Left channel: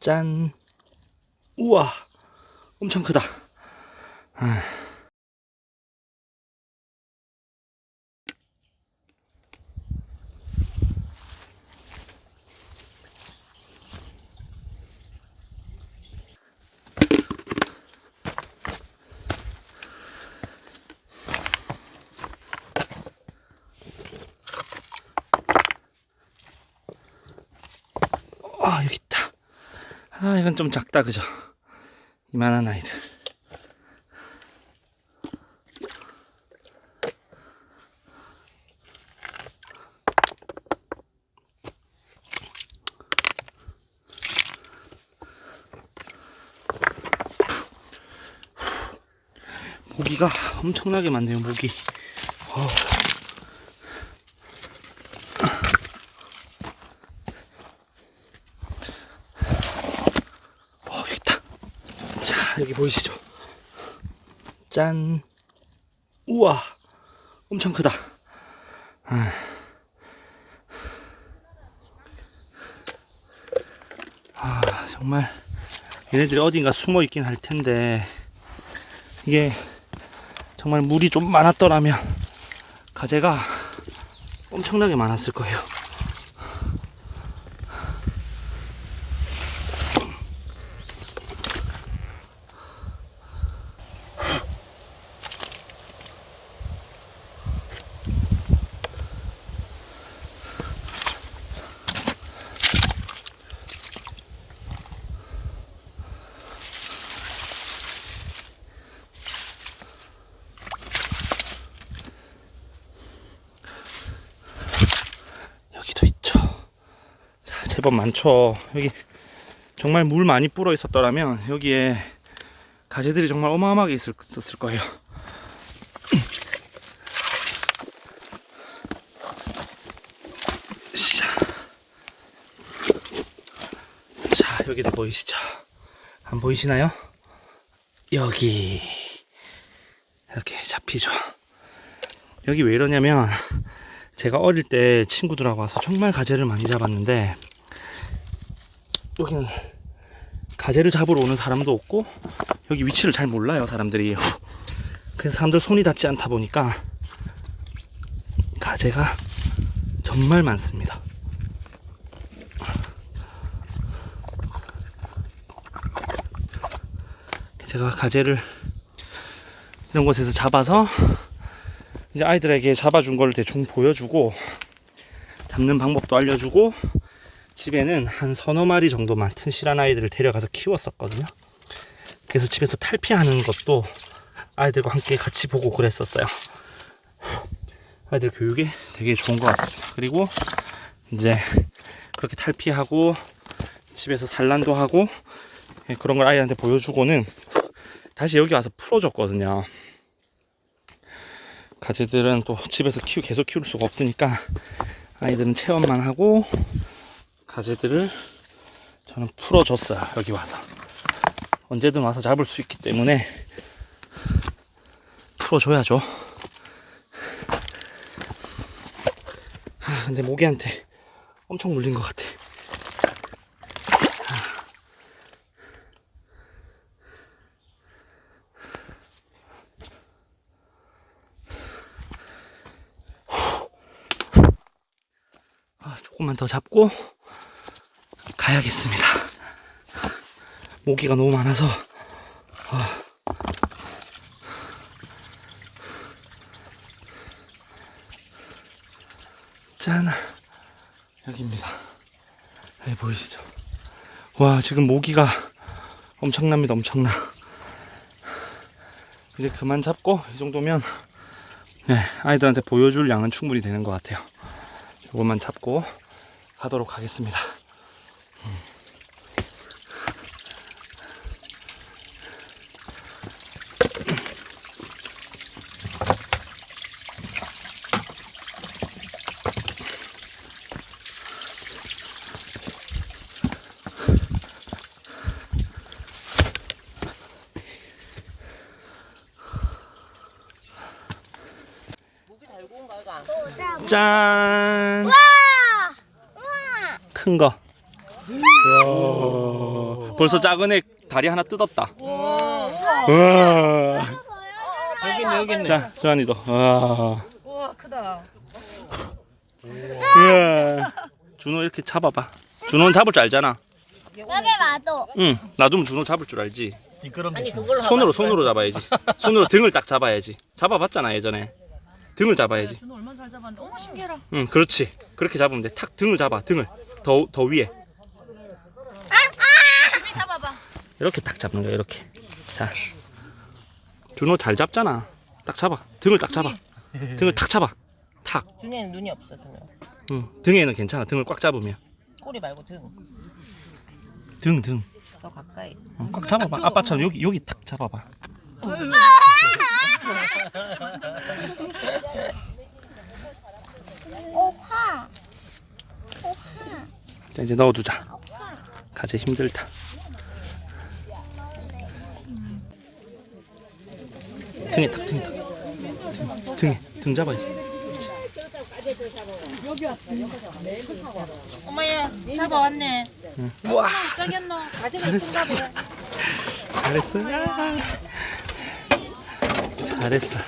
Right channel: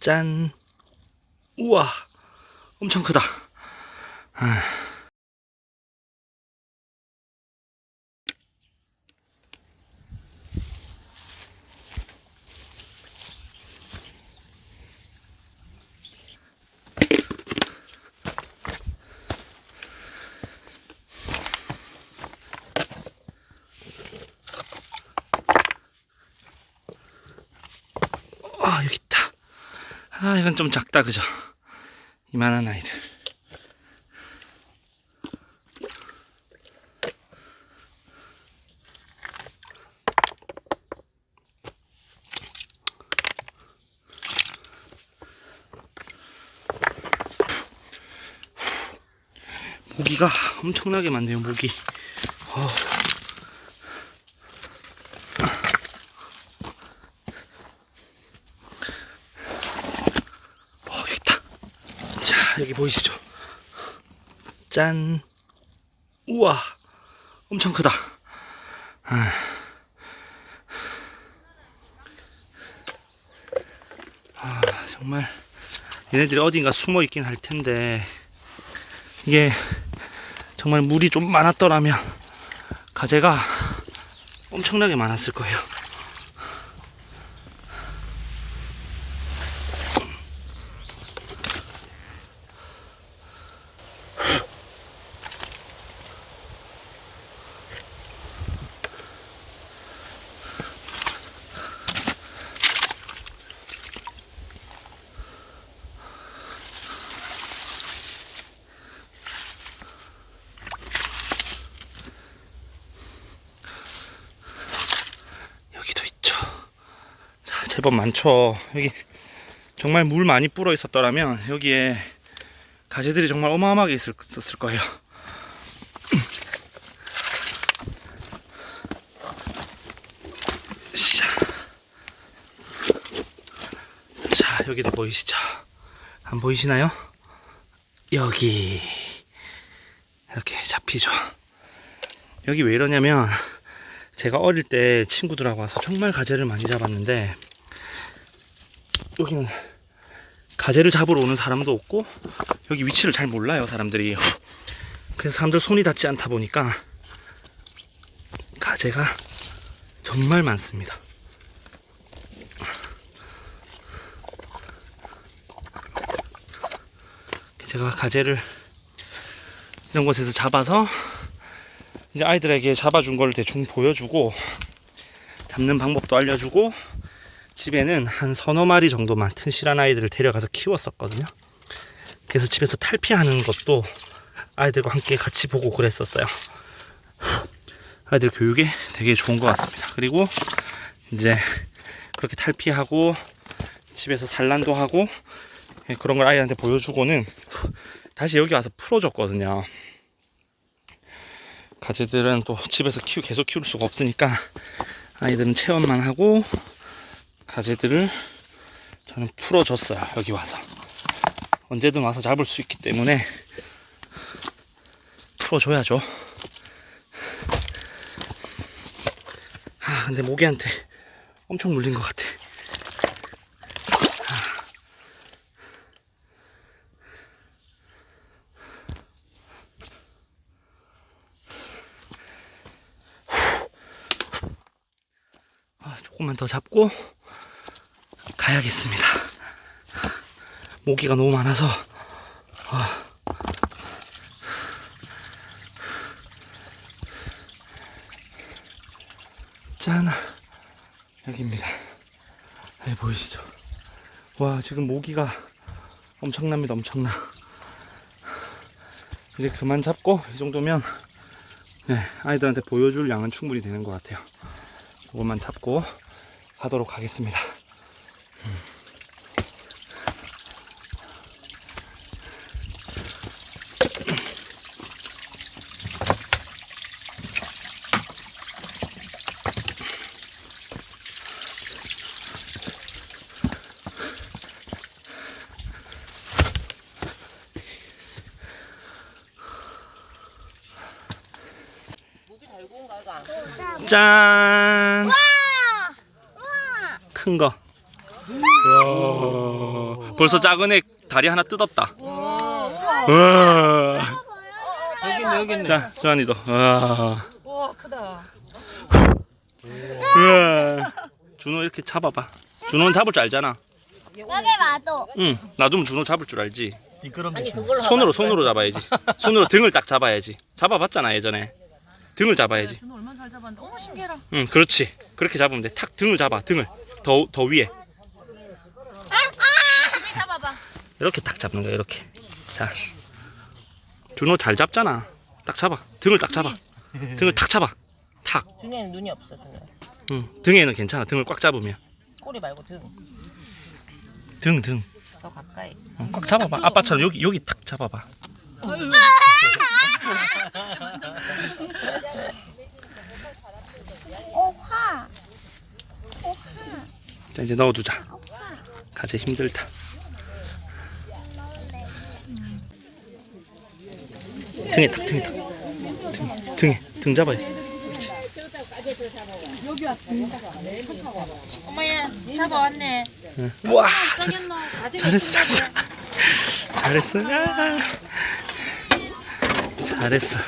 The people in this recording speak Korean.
짠. 우와. 엄청 크다. 아. 이건 좀 작다, 그죠? 이만한 아이들. 모기가 엄청나게 많네요, 모기. 어. 어, 여기 있다. 자, 여기 보이시죠? 짠. 우와. 엄청 크다. 아. 아, 정말 얘네들이 어딘가 숨어 있긴 할 텐데 이게 정말 물이 좀 많았더라면 가재가 엄청나게 많았을 거예요. 여기도 있죠. 자, 제법 많죠. 여기 정말 물 많이 불어 있었더라면 여기에 가재들이 정말 어마어마하게 있었을 거예요. 자. 자, 여기도 보이시죠? 안 보이시나요? 여기 이렇게 잡히죠. 여기 왜 이러냐면 제가 어릴 때 친구들하고 와서 정말 가재를 많이 잡았는데 여기는 가재를 잡으러 오는 사람도 없고 여기 위치를 잘 몰라요 사람들이. 그래서 사람들 손이 닿지 않다 보니까 가재가 정말 많습니다. 제가 가재를 이런 곳에서 잡아서 이제 아이들에게 잡아준 걸 대충 보여주고 잡는 방법도 알려주고 집에는 한 서너 마리 정도만 튼실한 아이들을 데려가서 키웠었거든요. 그래서 집에서 탈피하는 것도 아이들과 함께 같이 보고 그랬었어요. 아이들 교육에 되게 좋은 것 같습니다. 그리고 이제 그렇게 탈피하고 집에서 산란도 하고 예, 그런 걸 아이한테 보여주고는 다시 여기 와서 풀어줬거든요. 가지들은 또 집에서 키우 계속 키울 수가 없으니까 아이들은 체험만 하고 가지들을 저는 풀어줬어요 여기 와서. 언제든 와서 잡을 수 있기 때문에 풀어줘야죠. 아 근데 모기한테 엄청 물린 것 같아. 아, 조금만 더 잡고 가야겠습니다. 모기가 너무 많아서 아. 짠 여기입니다. 여기 보이시죠? 와 지금 모기가 엄청납니다. 엄청나. 이제 그만 잡고 이 정도면 네 아이들한테 보여줄 양은 충분히 되는 것 같아요. 이것만 잡고 가도록 하겠습니다. 짠! 큰 거. 우와. 벌써 작은 애 다리 하나 뜯었다. 우와. 우와. 여기 있네 여기 있네 자, 주한이도. 우와. 우와 크다. 우와. 준호 이렇게 잡아봐. 준호는 잡을 줄 알잖아. 여기 놔둬. 응. 놔두면 준호 잡을 줄 알지. 미끄럼 아니 그걸로 손으로 손으로 잡아야지. 손으로 등을 딱 잡아야지. 잡아봤잖아 예전에. 등을 잡아야지. 준호 얼마나 잘 잡았는데. 어머 신기해라. 응, 그렇지. 그렇게 잡으면 돼. 탁 등을 잡아. 등을 더 더 위에. 이렇게 딱 잡는 거야. 이렇게. 자, 준호 잘 잡잖아. 딱 잡아. 등을 딱 잡아. 등을 탁 잡아. 탁. 준이는 눈이 없어 준호. 응. 등에는 괜찮아. 등을 꽉 잡으면. 꼬리 말고 등. 등 등. 더 가까이. 응, 꽉 잡아봐. 아빠처럼 여기 여기 탁 잡아봐. 오화. 자 이제 넣어두자. 가재 힘들다. 등에 탁 등에 탁. 등, 등에 등 잡아야지. 어머야 잡아왔네. 와. 잘했어 잘했어 잘했어 야. 잘했어